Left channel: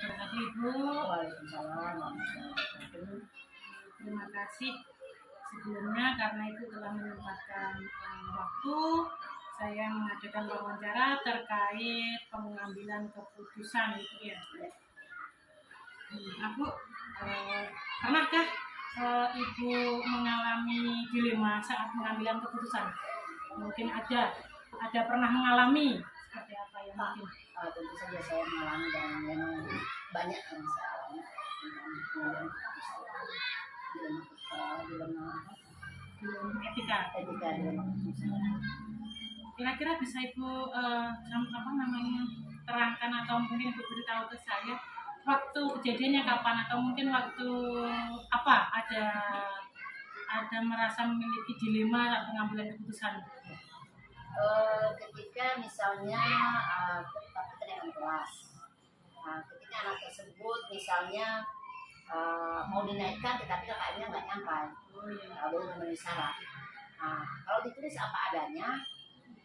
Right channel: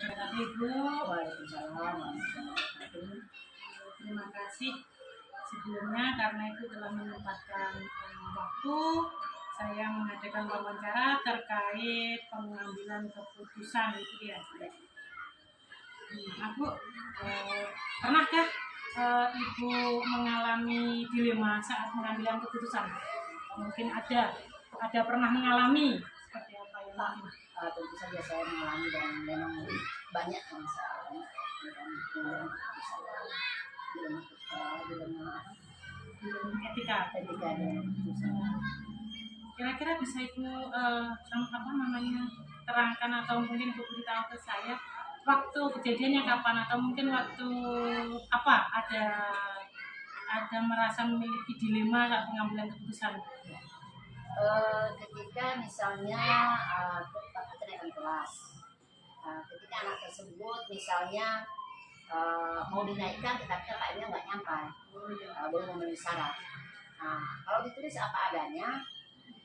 wabarakatuh Ibu. Waalaikumsalam warahmatullahi wabarakatuh. Terima kasih sebelumnya karena Ibu telah menyempatkan waktu saya mengadakan wawancara terkait pengambilan keputusan itu ya. Aku pernahkah Ibu mengalami dilema saat mengambil keputusan? Mungkin ada pernah mengalami seperti apa ya mungkin? Tentu saja saya mengalami dan memang banyak masalahnya dengan dilema Etika dilema keputusan. Kira-kira bisa Ibu terangkan atau mungkin Ibu beritahu ke saya waktu kejadiannya kapan atau mungkin waktu apa ada merasa memiliki dilema saat pengambilan keputusan? Ketika misalnya kita kenaikan kelas, ketika anak tersebut misalnya mau dinaikkan tetapi kakaknya nggak nyampai, belum memenuhi syarat. Kalau ditulis apa adanya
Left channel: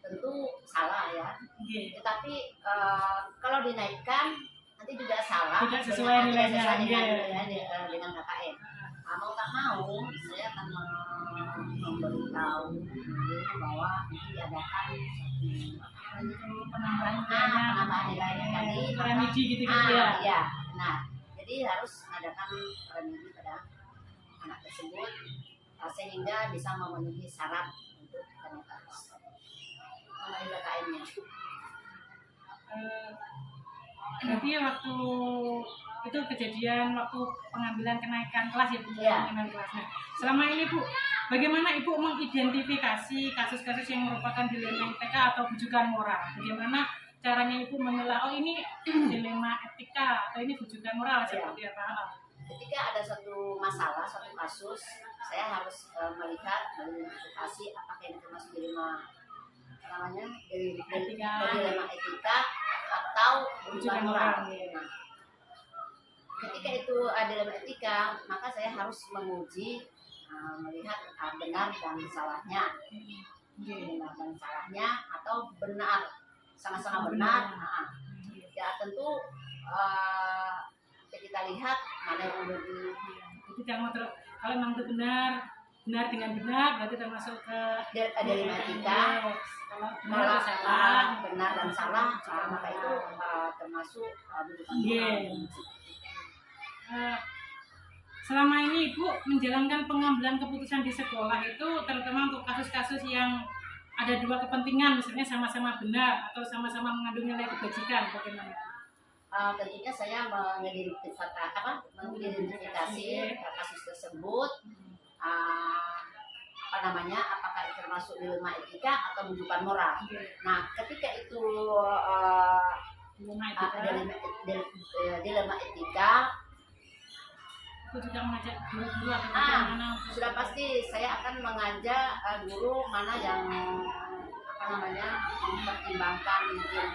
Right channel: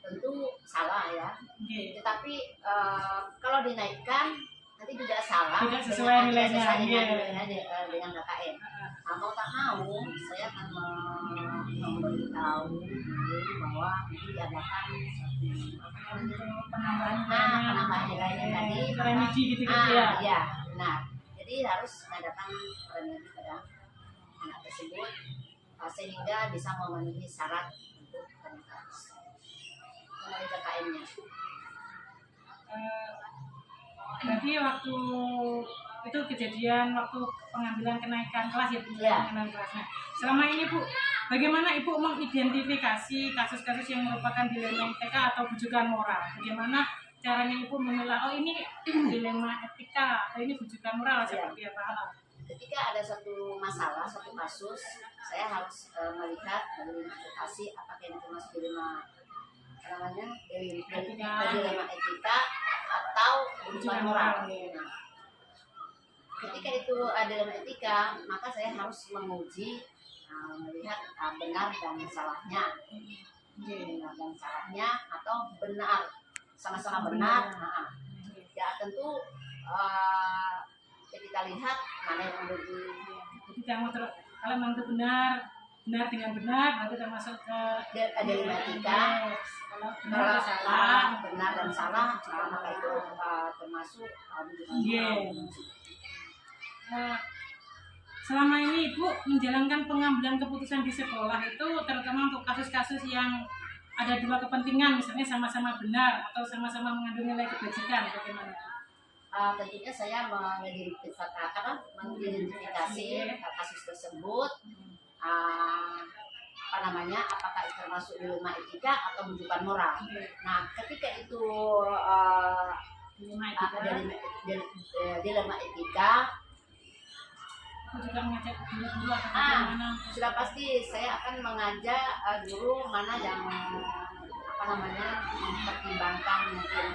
tentu salah ya. Tetapi kalau dinaikkan nanti juga salah, tidak sesuai nilainya dengan KKN. Mau tak mau saya akan memberitahu bahwa diadakan satu penambahan nilainya tadi, remedi gitu ya. Ya, benar. Jadi harus mengadakan remedi pada anak tersebut sehingga bisa memenuhi syarat untuk kenaikan memenuhi KKN-nya. Berarti waktu itu kejadian waktu pengambilan kenaikan kelas ya Bu, kenaikan kelasnya. Selama ini Bu, bagaimana Ibu mengidentifikasi kasus-kasus yang merupakan dilema etika atau bujukan moral? Bagaimana caranya Ibu memilah, oh ini dilema etika atau ini bujukan moral seperti apa? Ketika ada satu masalah, satu kasus, saya harus melihat, mengidentifikasi apakah ini termasuk dilema dilema etika atau bujukan moral. Ketika itu dilema etika, maka saya harus menguji, melihat benar dan salahnya, atau benar sama-sama benar. Ya tentu kita lihat mana yang lebih. Jadi kalau memang itu benar dengan benar berarti termasuk ke dilema etika. Kalau benar dan salah, maka itu termasuk bujukan moral. Selama ini Ibu menjalankan pengambilan keputusan di sekolah itu terutama untuk kasus-kasus yang ada dua kepentingan, misalnya sama-sama benar atau sama-sama mengandung nilai kebajikan, bagaimana? Tentunya saya mengidentifikasi kasus tersebut, apakah itu termasuk dilema etika atau bujukan moral. Nah, ketika itu dilema etika, aku juga mengajak guru atau bagaimana? Sudah pasti saya akan mengajak guru mana yang mempertimbangkan mungkin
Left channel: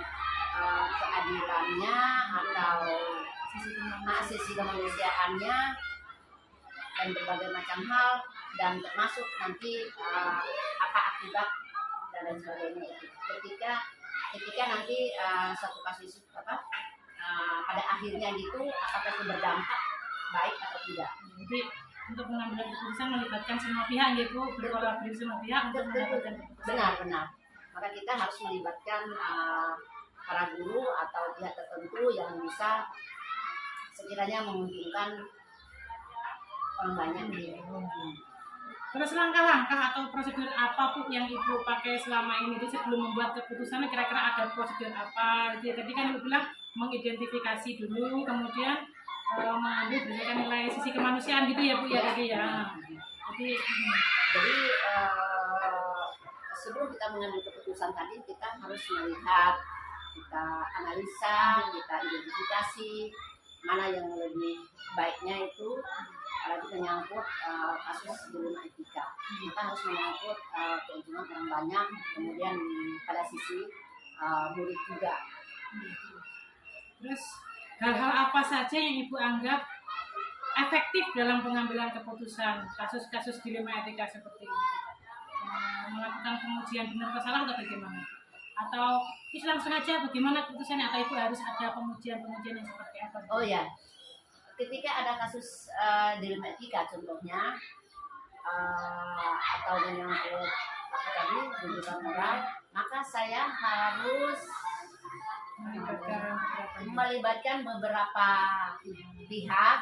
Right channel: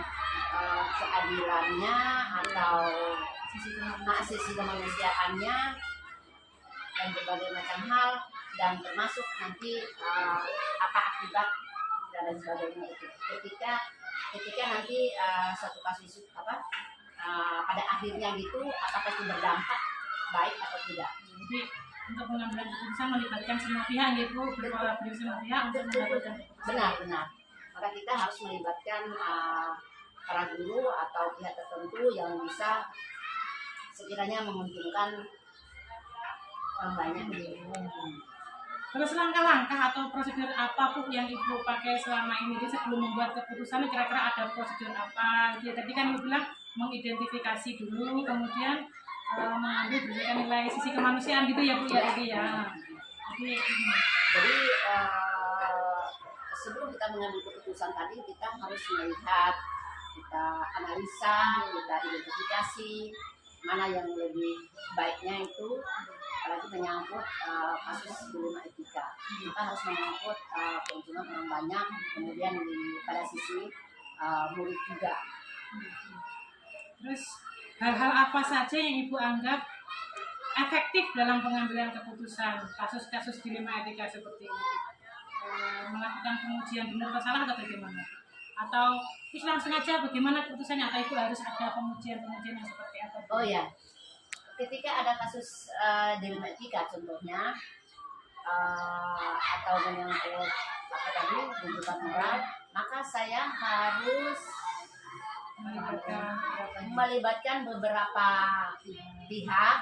keadilannya atau sisi kemanusiaannya dan berbagai macam hal, dan termasuk nanti apa akibat dan lain sebagainya itu. Ketika nanti suatu kasus pada akhirnya gitu, apakah itu berdampak baik atau tidak. Jadi untuk mengambil keputusan melibatkan semua pihak, yaitu berkolaborasi semua pihak untuk mendapatkan keputusan. Benar. Maka kita harus melibatkan para guru atau pihak tertentu yang bisa sekiranya menguntungkan orang banyak. Terus langkah-langkah atau prosedur apa Bu yang Ibu pakai selama ini? Jadi sebelum membuat keputusan kira-kira ada prosedur apa? Jadi tadi kan Ibu bilang mengidentifikasi dulu, kemudian mengambil berdasarkan nilai sisi kemanusiaan gitu ya Bu ya tadi ya. Jadi sebelum kita mengambil keputusan tadi kita harus melihat, kita analisa, kita identifikasi mana yang lebih baiknya itu, apalagi menyangkut kasus dilema etika. Maka harus menyangkut keuntungan orang banyak, kemudian pada sisi murid juga. Terus hal-hal apa saja yang Ibu anggap efektif dalam pengambilan keputusan kasus-kasus dilema etika seperti ini? Melakukan pengujian benar atau salah atau bagaimana? atau itu langsung aja bagaimana keputusannya, atau Ibu harus ada pengujian-pengujian yang seperti apa? Bu? Oh ya, ketika ada kasus dilema etika contohnya, atau menyangkut apa tadi tuntutan moral, maka saya harus melibatkan beberapa pihak.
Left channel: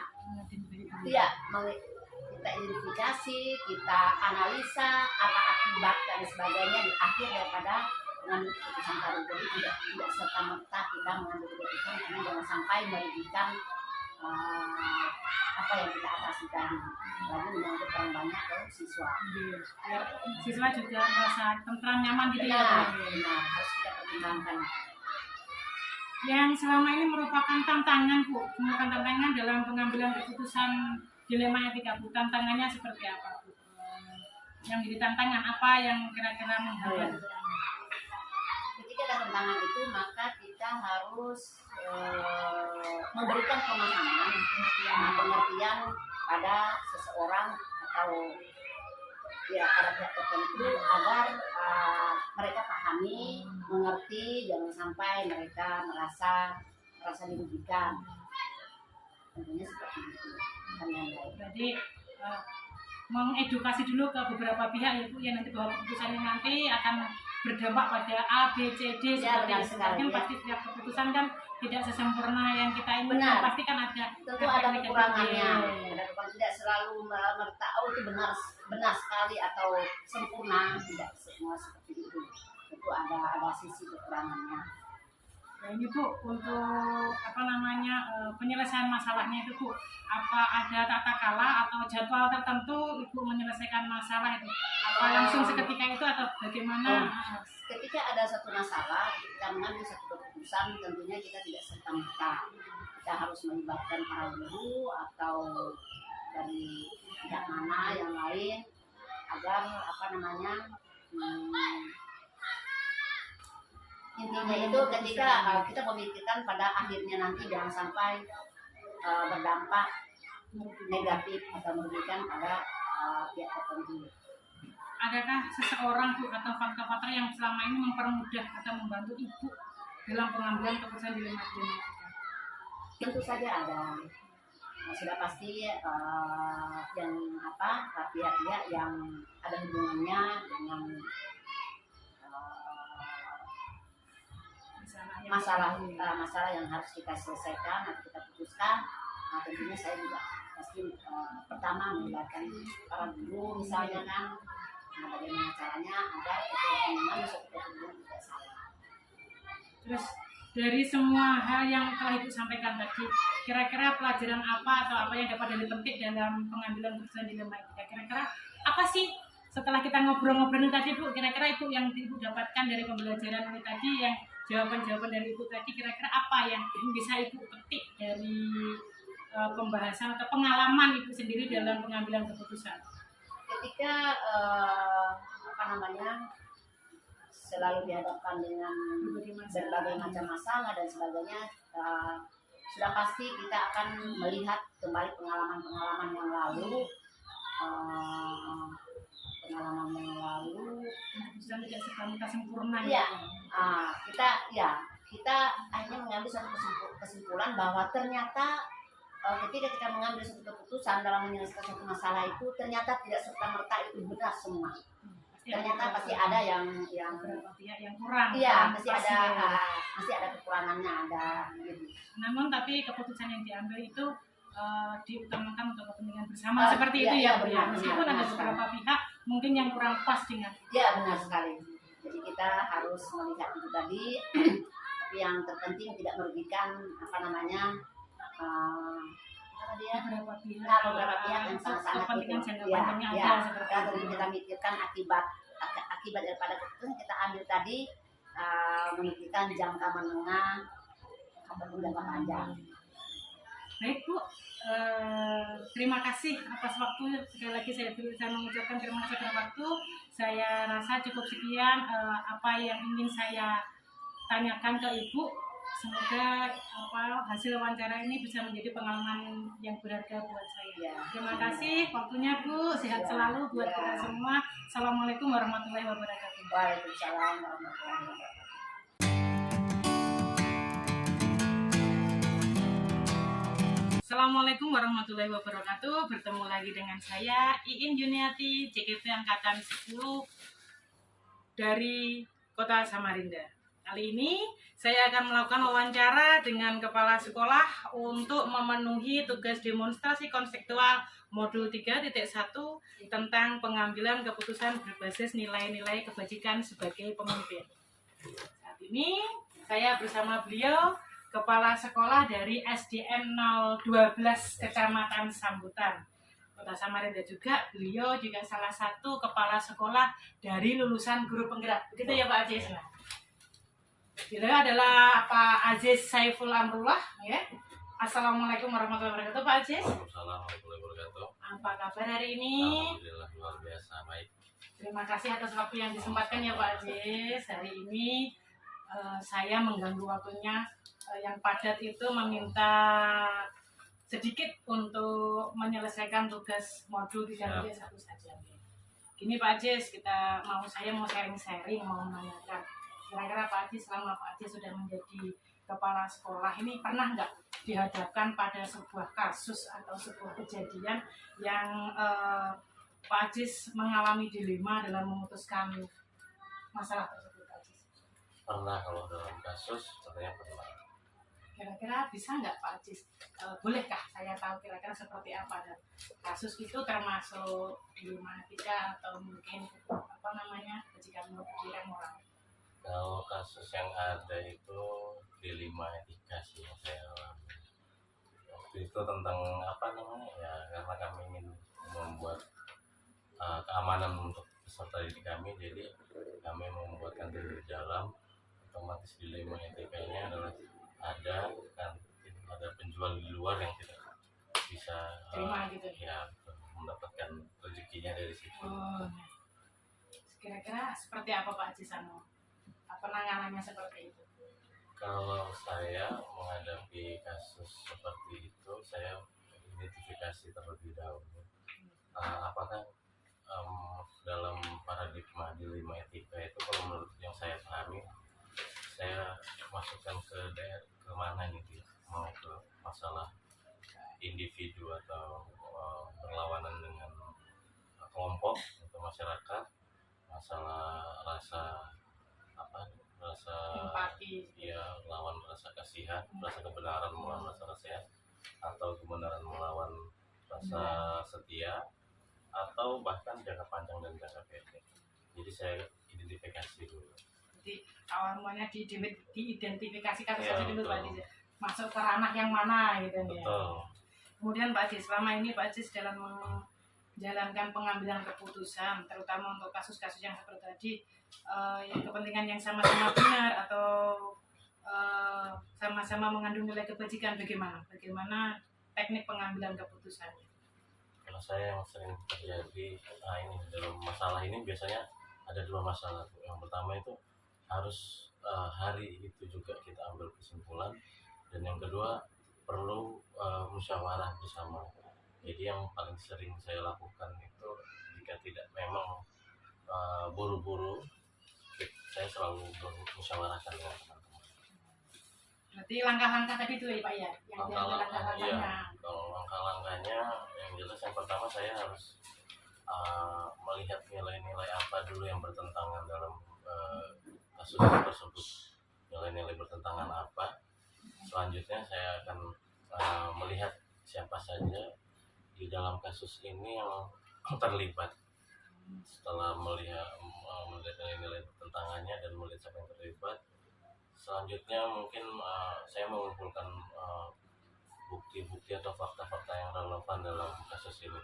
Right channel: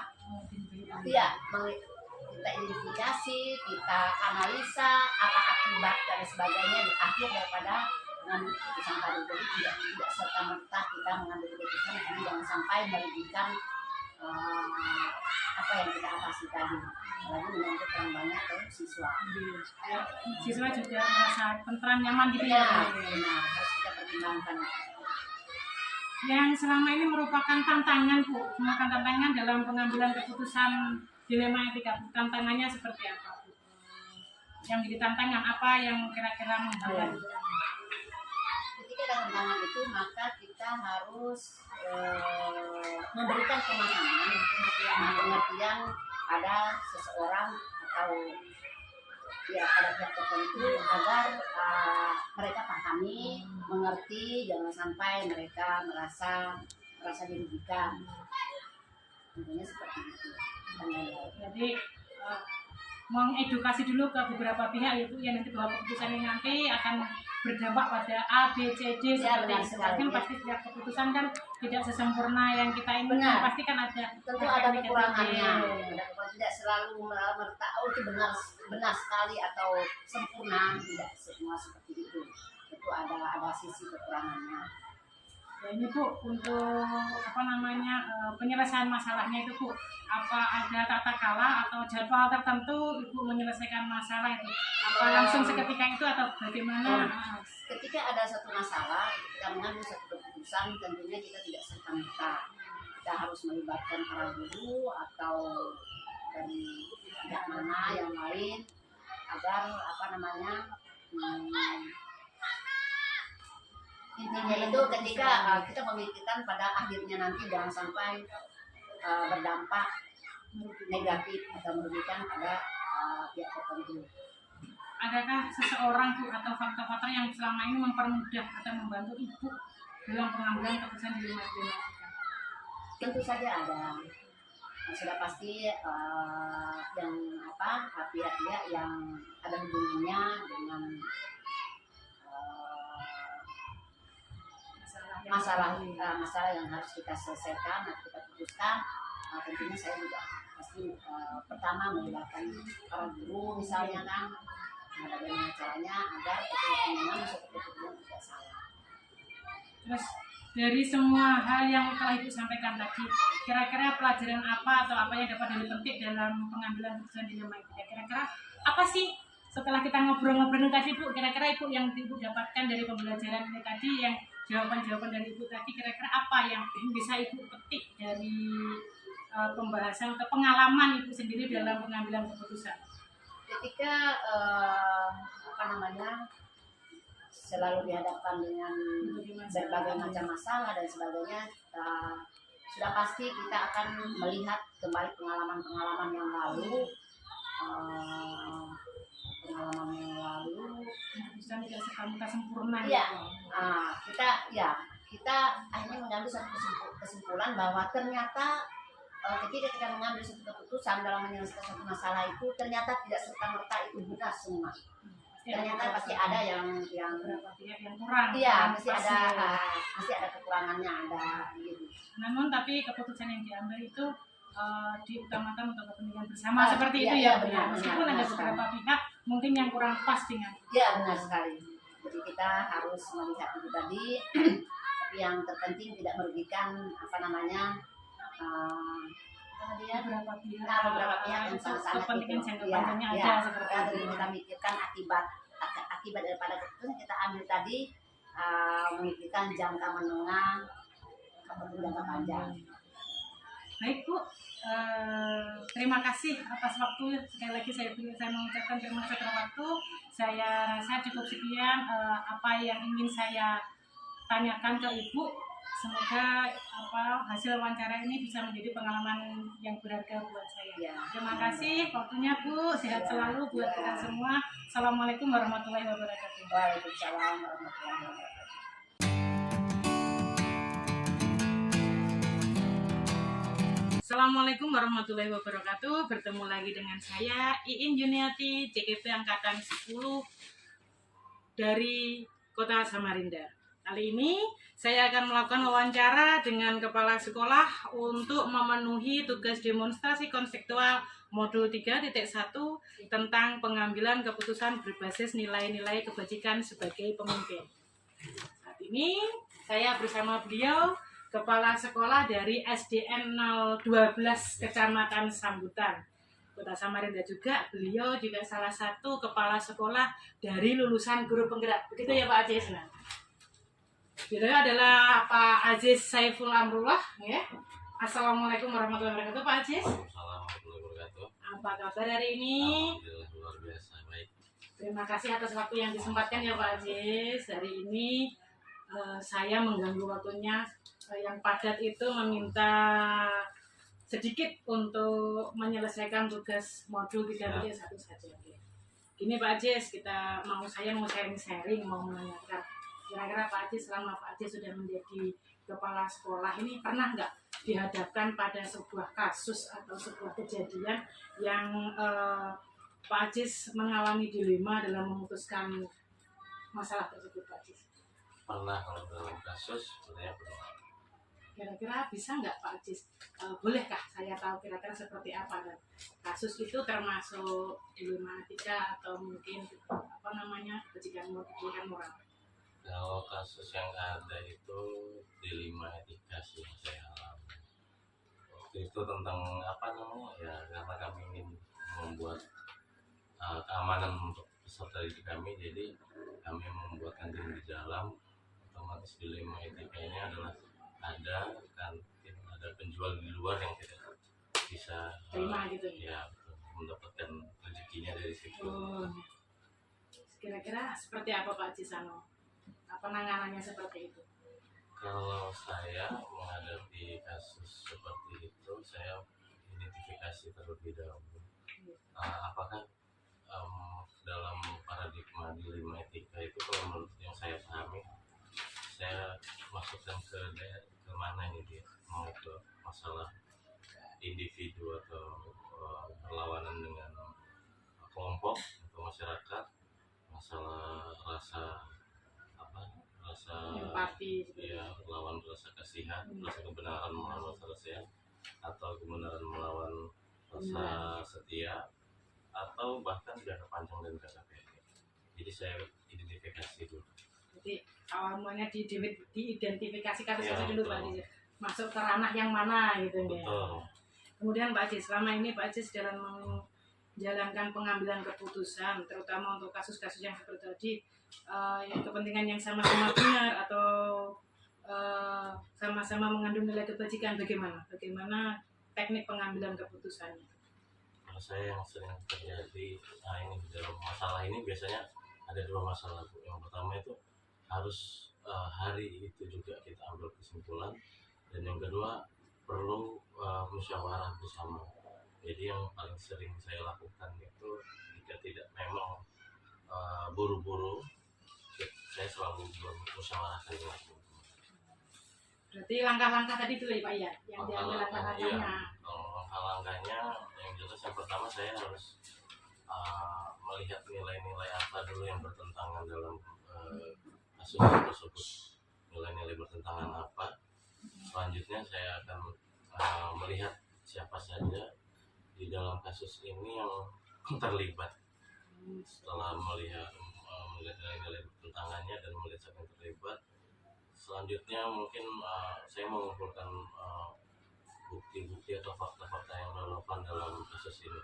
Ya, kita identifikasi, kita analisa apa akibat dan sebagainya di akhir daripada mengambil keputusan tadi. Jadi tidak serta merta kita mengambil keputusan ini jangan sampai merugikan apa yang kita atasi tadi. Lagi menyangkut orang banyak ke siswa. Ya, siswa juga merasa tentram nyaman gitu Benar, ya. benar, harus kita pertimbangkan. Yang selama ini merupakan tantangan Bu, merupakan tantangan dalam pengambilan keputusan dilema etika Bu. Tantangannya seperti apa Bu? Yang jadi tantangan apa yang kira-kira menghambat? Ketika ada tantangan itu maka kita harus memberikan pemahaman, pengertian pada seseorang atau ya pada pihak tertentu agar mereka pahami, mengerti, jangan sampai mereka merasa dirugikan. Tentunya seperti itu. Jadi mengedukasi dulu ke beberapa pihak ya Bu, yang nanti bahwa keputusan ini nanti akan berdampak pada A, B, C, D Ya, seperti itu. Kan ya. pasti setiap keputusan kan tidak sesempurna yang kita inginkan. Benar. Pasti kan ada Tentu ada kekurangannya. Ada kekurangan, tidak selalu merta itu benar sekali atau sempurna, tidak semua seperti itu. Itu ada sisi kekurangannya. Ya ini Bu, untuk apa namanya penyelesaian masalahnya itu Bu, apa ada tata kala atau jadwal tertentu Ibu menyelesaikan masalah itu? Apa langsung seketika itu atau bagaimana? Ketika ada satu masalah, kita mengambil satu keputusan, tentunya kita tidak serta-merta. Kita harus melibatkan para guru atau dari pihak mana yang lain agar apa namanya intinya itu ketika kita memikirkan pada akhirnya nanti jangan sampai berdampak negatif atau merugikan pada pihak tertentu. Adakah seseorang Bu atau faktor-faktor yang selama ini mempermudah atau membantu Ibu dalam pengambilan keputusan dilema etika? Tentu saja ada. Sudah pasti yang pihak-pihak yang ada hubungannya dengan masalah yang harus kita selesaikan atau kita putuskan. Tentunya saya juga pasti pertama melibatkan para guru misalnya kan, bagaimana caranya agar kepentingan suatu kepentingan tidak salah. Terus dari semua hal yang telah Ibu sampaikan tadi, kira-kira pelajaran apa atau apa yang dapat dipetik dalam pengambilan keputusan dilema etika? Kira-kira apa sih setelah kita ngobrol-ngobrol tadi Bu, kira-kira Ibu yang Ibu dapatkan dari pembelajaran ini tadi, yang jawaban-jawaban dari Ibu tadi, kira-kira apa yang bisa Ibu petik dari pembahasan atau pengalaman Ibu sendiri dalam pengambilan keputusan? Ketika selalu dihadapkan dengan berbagai macam masalah dan sebagainya, sudah pasti kita akan melihat kembali pengalaman-pengalaman yang lalu, keputusan tidak serta sempurna. Iya, kita akhirnya mengambil satu kesimpulan bahwa ternyata ketika kita mengambil satu keputusan dalam menyelesaikan satu masalah itu ternyata tidak serta merta itu benar semua. Ternyata pasti ada yang beberapa pihak yang kurang. Iya, masih ada kekurangannya, ada gitu. Namun tapi keputusan yang diambil itu diutamakan untuk kepentingan bersama seperti itu ya. Benar, meskipun ada beberapa pihak mungkin yang kurang pas dengan. Ya, benar sekali. Jadi kita harus melihat itu tadi, tapi yang terpenting tidak merugikan beberapa pihak yang sangat-sangat kepentingan jangka panjangnya ada seperti itu. Kita mikirkan akibat daripada keputusan kita ambil tadi, memikirkan jangka menengah ataupun jangka panjang. Baik Bu, terima kasih atas waktunya. Sekali lagi saya mengucapkan terima kasih atas waktu. Saya rasa cukup sekian apa yang ingin saya tanyakan ke Ibu. Semoga hasil wawancara ini bisa menjadi pengalaman yang berharga buat saya. Ya, terima kasih waktunya Bu. Sehat selalu buat kita semua. Assalamualaikum warahmatullahi wabarakatuh. Waalaikumsalam warahmatullahi wabarakatuh. Assalamualaikum warahmatullahi wabarakatuh. Bertemu lagi dengan saya Iin Juniati, CKP angkatan 10 dari Kota Samarinda. Kali ini saya akan melakukan wawancara dengan kepala sekolah untuk memenuhi tugas demonstrasi konseptual modul 3.1 tentang pengambilan keputusan berbasis nilai-nilai kebajikan sebagai pemimpin. Saat ini saya bersama beliau, Kepala Sekolah dari SDN 012 Kecamatan Sambutan, Kota Samarinda juga. Beliau juga salah satu kepala sekolah dari lulusan Guru Penggerak. Begitu ya Pak Aziz? Nah, beliau adalah Pak Aziz Saiful Amrullah. Ya. Assalamualaikum warahmatullahi wabarakatuh Pak Aziz. Waalaikumsalam warahmatullahi wabarakatuh. Apa kabar hari ini? Alhamdulillah luar biasa baik. Terima kasih atas waktu yang disempatkan ya Pak Aziz. Hari ini saya mengganggu waktunya yang padat itu, meminta sedikit untuk menyelesaikan tugas modul 3.1 saja. Gini Pak Aziz, saya mau sharing-sharing, mau menanyakan kira-kira Pak Aziz selama Pak Aziz sudah menjadi kepala sekolah ini pernah nggak dihadapkan pada sebuah kasus atau sebuah kejadian yang Pak Aziz mengalami dilema dalam memutuskan masalah tersebut Pak Aziz? Pernah, kalau dalam kasus sebenarnya pernah. Kira-kira bisa nggak Pak Aziz? Bolehkah saya tahu kira-kira seperti apa, dan kasus itu termasuk dilema etika atau mungkin kebajikan moral? Kalau kasus yang ada itu dilema etika sih yang saya alami. Waktu itu tentang ya karena kami ingin membuat keamanan untuk peserta didik kami, jadi kami membuat kantin berjalan. Otomatis dilema etikanya adalah ada kantin, ada penjual di luar yang tidak bisa Terima gitu ya mendapatkan rezekinya dari situ. Kira-kira seperti apa Pak Aziz penanganannya seperti itu? Kalau saya menghadapi kasus seperti itu, saya identifikasi terlebih dahulu apakah dalam paradigma dilema etika itu, kalau menurut yang saya pahami, saya masukkan ke mana gitu ya, mau ke masalah individu atau berlawanan dengan kelompok atau masyarakat, masalah rasa empati, ya, lawan rasa kasihan, rasa kebenaran melawan rasa kasihan, atau kebenaran melawan rasa setia, atau bahkan jangka panjang dan jangka pendek. Jadi saya identifikasi dulu. Jadi awal mulanya diidentifikasi kasus-kasus Ya, dulu Pak Aziz, masuk ke ranah yang mana gitu ya. Kemudian Pak Aziz, selama ini Pak Aziz dalam menjalankan pengambilan keputusan, terutama untuk kasus-kasus yang seperti tadi, yang kepentingan yang sama-sama benar atau sama-sama mengandung nilai kebajikan, bagaimana teknik pengambilan keputusannya? Kalau saya yang sering terjadi ini dalam masalah ini biasanya ada dua masalah. Yang pertama itu harus hari itu juga kita ambil kesimpulan, dan yang kedua perlu musyawarah bersama. Jadi yang paling sering saya lakukan itu, jika tidak memang buru-buru, saya selalu bermusyawarahkan dengan teman-teman. Berarti langkah-langkah tadi itu ya Pak ya, yang diambil langkah-langkahnya. Iya, kalau langkah-langkahnya yang jelas, yang pertama saya harus melihat nilai-nilai apa dulu yang bertentangan dalam kasus tersebut. Nilai-nilai bertentangan apa. Selanjutnya saya akan melihat siapa saja di dalam kasus ini yang terlibat. Setelah melihat nilai-nilai pertentangannya dan melihat siapa yang terlibat, selanjutnya mungkin saya mengumpulkan bukti-bukti atau fakta-fakta yang relevan dalam kasus ini.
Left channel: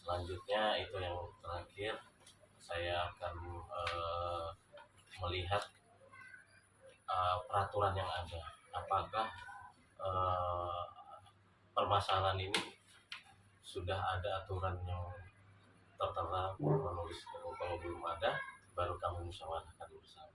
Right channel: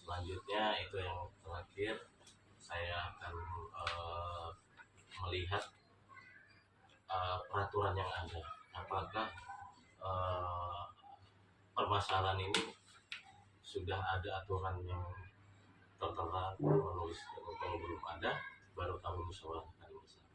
Selanjutnya itu yang terakhir, saya akan melihat peraturan yang ada. Apakah permasalahan ini sudah ada aturan yang tertera menulis? Kalau belum ada, baru kami musyawarahkan bersama.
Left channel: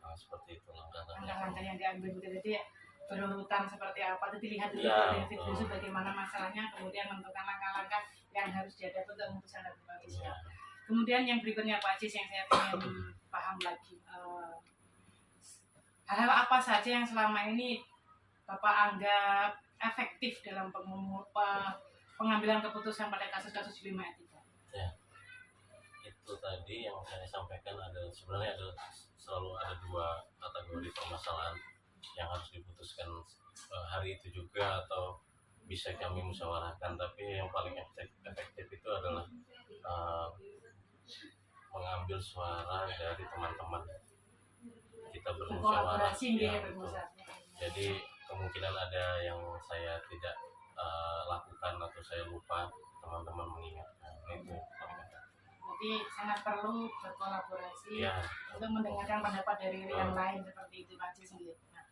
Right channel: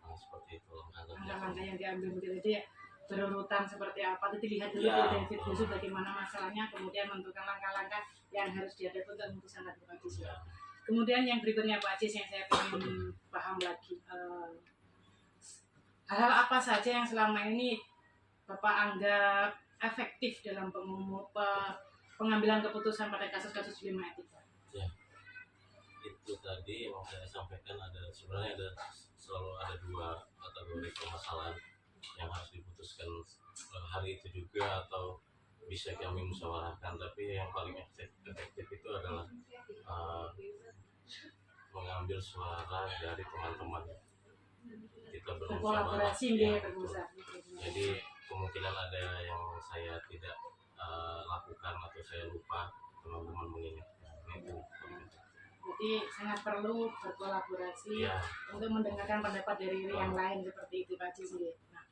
Nah, seperti itu langkah-langkah yang diambil tadi ya, berurutan seperti apa, itu dilihat dulu ya, dari dulu bagaimana masalahnya, kemudian menentukan langkah-langkah yang harus dihadapi untuk memutuskan Pak Aziz. Ya. Kemudian yang berikutnya Pak Aziz yang saya ingin paham lagi, hal-hal apa saja yang selama ini Bapak anggap efektif dalam pengambilan keputusan pada kasus-kasus dilema etika? Ya, itu tadi yang saya sampaikan, sebenarnya selalu ada dua kategori permasalahan yang harus diputuskan hari itu juga atau bisa kami musyawarahkan, tapi yang paling efektif itu adalah mengambil suara dari teman-teman, kita bermusyawarah. Kolaborasi Ya, bermusyawarah. jadi kemungkinan ada yang saya tidak lakukan atau saya lupa, teman-teman mengingatkan. Itu paling efektif. Jadi sangat perlu berkolaborasi Ya. untuk mendengarkan pendapat dari yang lain seperti itu Pak Ajis. Nah,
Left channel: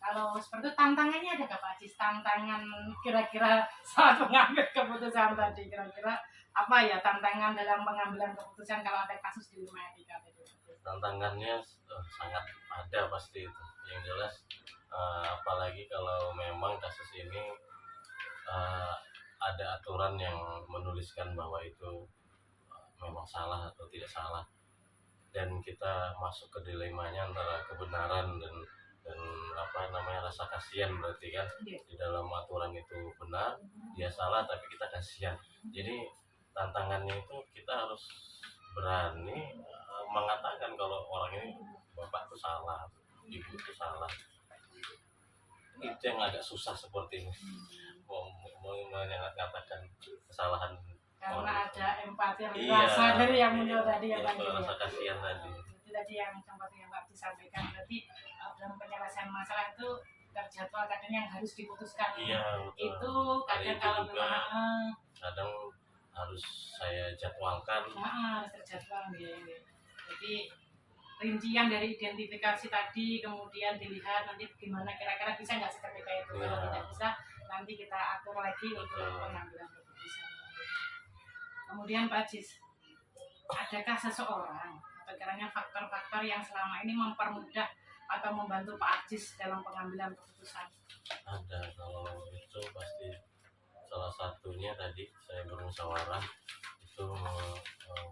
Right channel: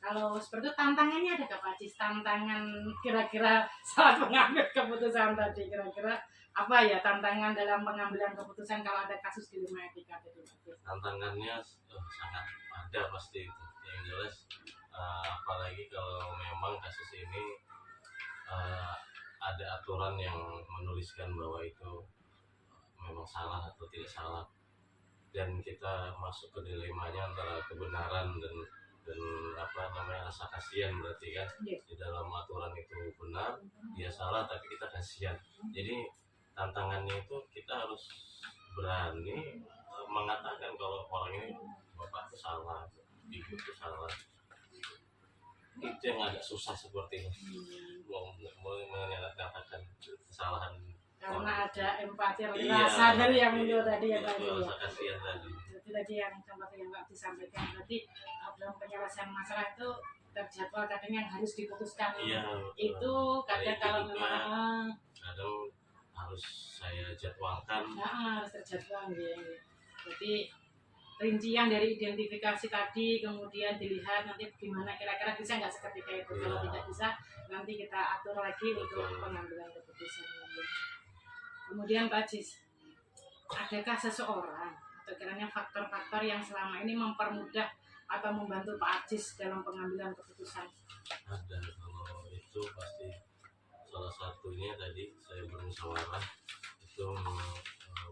kalau seperti itu tantangannya ada nggak Pak Ajis? Tantangan kira-kira saat mengambil keputusan tadi, kira-kira apa ya tantangan dalam pengambilan keputusan kalau ada kasus dilema etika tadi? Tantangannya sangat ada pasti itu. Yang jelas apalagi kalau memang kasus ini ada aturan yang menuliskan bahwa itu memang salah atau tidak salah, dan kita masuk ke dilemanya antara kebenaran dan rasa kasihan, berarti kan di dalam aturan itu benar, dia salah tapi kita kasihan. Jadi tantangannya itu kita harus berani mengatakan kalau orang ini, bapak itu salah, ibu itu salah. Itu yang agak susah seperti ini, mau menyatakan kesalahan karena ada empati rasa dari yang muncul tadi ya Pak. Rasa kasihan tadi. Itu tadi yang sempat yang Pak disampaikan, berarti dalam penyelesaian masalah itu terjadwal kadang yang harus diputuskan. Iya, itu kadang itu kalau juga memang kadang harus saya jadwalkan. harus terjadwal gitu. Jadi rincian dari identifikasi tadi kemudian dilihat nanti gimana kira-kira bisa nggak seketika itu. Kalau tidak bisa nanti kita atur lagi untuk pengambilan keputusan. Kemudian Pak Ajis, adakah seseorang atau kiranya faktor-faktor yang selama ini mempermudah atau membantu Pak Ajis dalam pengambilan keputusan? Ada, kalau itu pasti salah satunya tadi saya bermusyawarah itu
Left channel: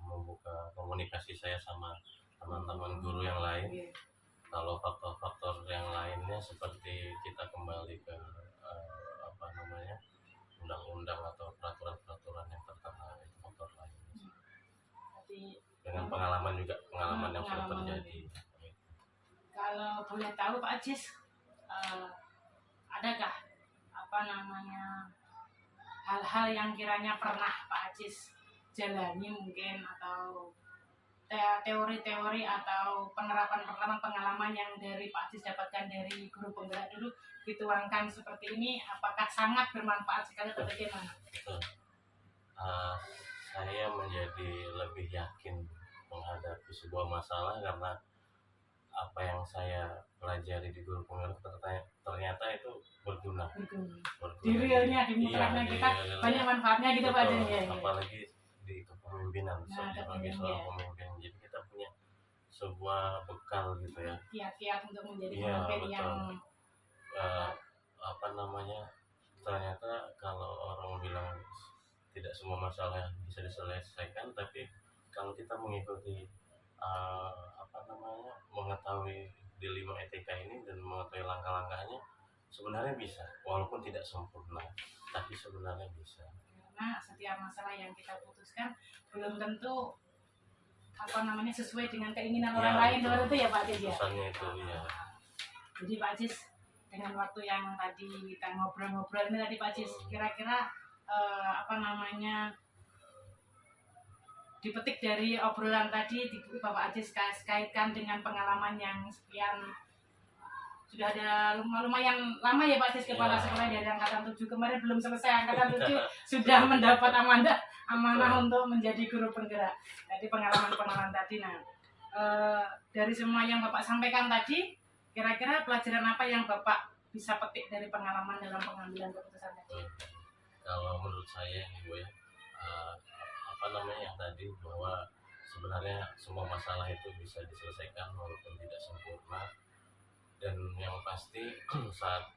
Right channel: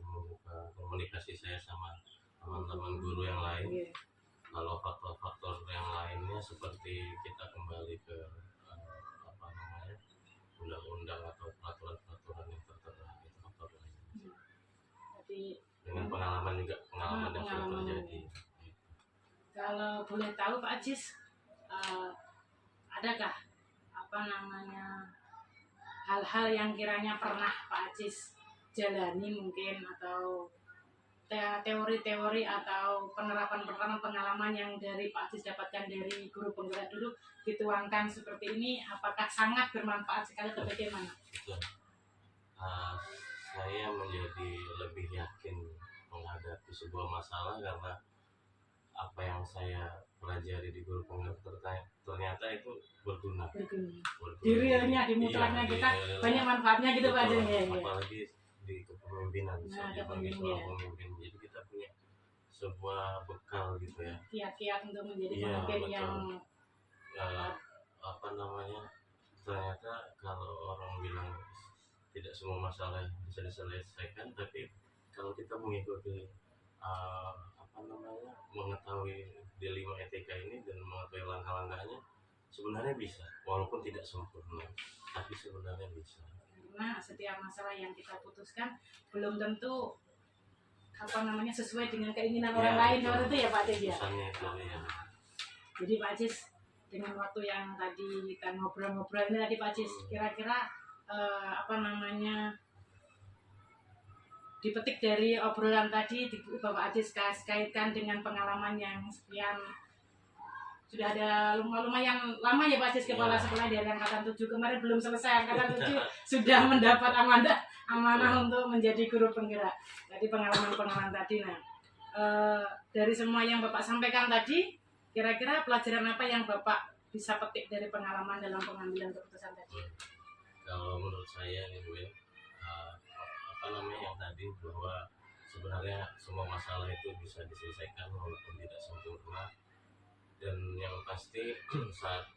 membuka komunikasi saya sama teman-teman guru yang lain. Kalau faktor-faktor yang lainnya seperti kita kembali ke undang-undang atau peraturan-peraturan yang tertera, itu faktor lain. Dengan pengalaman juga, pengalaman yang sudah terjadi. Kalau boleh tahu Pak Ajis, adakah hal-hal yang kiranya pernah Pak Ajis jalani mungkin, atau teori-teori atau penerapan pengalaman yang dari Pak Ajis dapatkan dari guru penggerak dulu dituangkan seperti ini, apakah sangat bermanfaat sekali atau bagaimana? Saya menjadi lebih yakin menghadapi sebuah masalah karena apa yang saya pelajari di guru penggerak ternyata itu berguna. Di realnya, di mutlaknya kita banyak manfaatnya gitu Pak Ajis ya. Apalagi di kepemimpinan, sebagai seorang pemimpin, jadi kita punya sebuah bekal gitu ya. Kiat-kiat untuk menjadi pemimpin yang ternyata kalau orang bilang tidak semua masalah bisa diselesaikan, tapi kalau kita mengikuti mengetahui dilema etika ini dan mengetahui langkah-langkahnya, sebenarnya bisa, walaupun tidak sempurna, tapi sebenarnya bisa. Karena setiap masalah yang kita putuskan belum tentu sesuai dengan keinginan orang lain, seperti itu ya Pak Ajis ya. Jadi Pak Ajis, dengan waktu yang tadi kita ngobrol-ngobrol ini tadi Pak Ajis, kira-kira dipetik dari obrolan tadi Bapak Ajis kaitkan dengan pengalaman yang sekian, sudah ada lumayan lama ya Pak Ajis kepala sekolah dari angkatan 7, kemarin belum selesai angkatan 7 sudah mendapat amanah untuk menjadi guru penggerak. Jadi pengalaman tadi, dari semua yang Bapak sampaikan tadi, kira-kira pelajaran apa yang Bapak bisa petik dari pengalaman dalam pengambilan keputusan tadi? Kalau menurut saya nih Bu ya, yang tadi bahwa sebenarnya semua masalah itu bisa diselesaikan walaupun tidak sempurna, dan yang pasti saat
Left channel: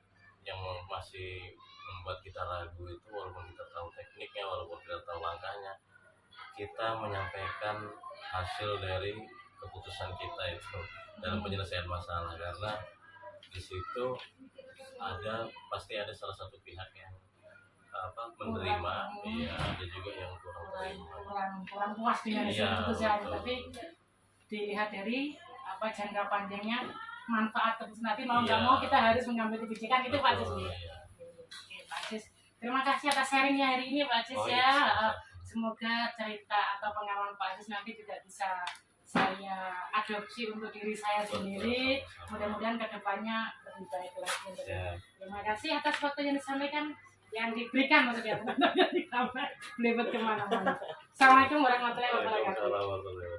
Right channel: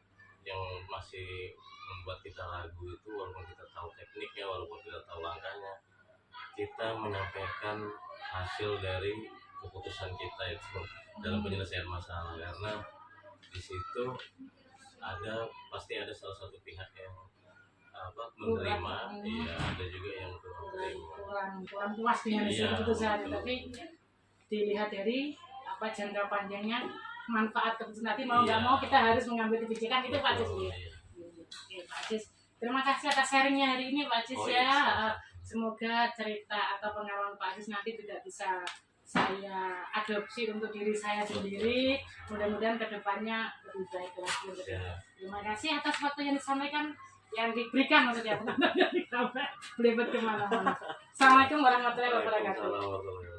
yang masih membuat kita ragu itu, walaupun kita tahu tekniknya, walaupun kita tahu langkahnya, kita menyampaikan hasil dari keputusan kita itu dalam penyelesaian masalah, karena di situ pasti ada salah satu pihak yang menerima, iya ada juga yang kurang terima, kurang puas dengan hasil Iya, keputusan. betul. Tapi dilihat dari jangka panjangnya manfaat keputusan nanti mau nggak Iya. mau kita harus mengambil kebijakan itu Pak Cis. Betul, Ya. iya. Oke Pak Cis, terima kasih atas sharingnya hari ini Pak Cis Oh, ya. iya, siap. Semoga cerita atau pengalaman Pak Cis nanti juga bisa saya adopsi untuk diri saya sendiri. Mudah-mudahan kedepannya lebih baik lagi untuk kita. Siap. Terima kasih atas waktu yang disampaikan, yang diberikan maksudnya, bukan yang ditambah, belibet kemana-mana. Assalamualaikum warahmatullahi wabarakatuh. Waalaikumsalam warahmatullahi wabarakatuh.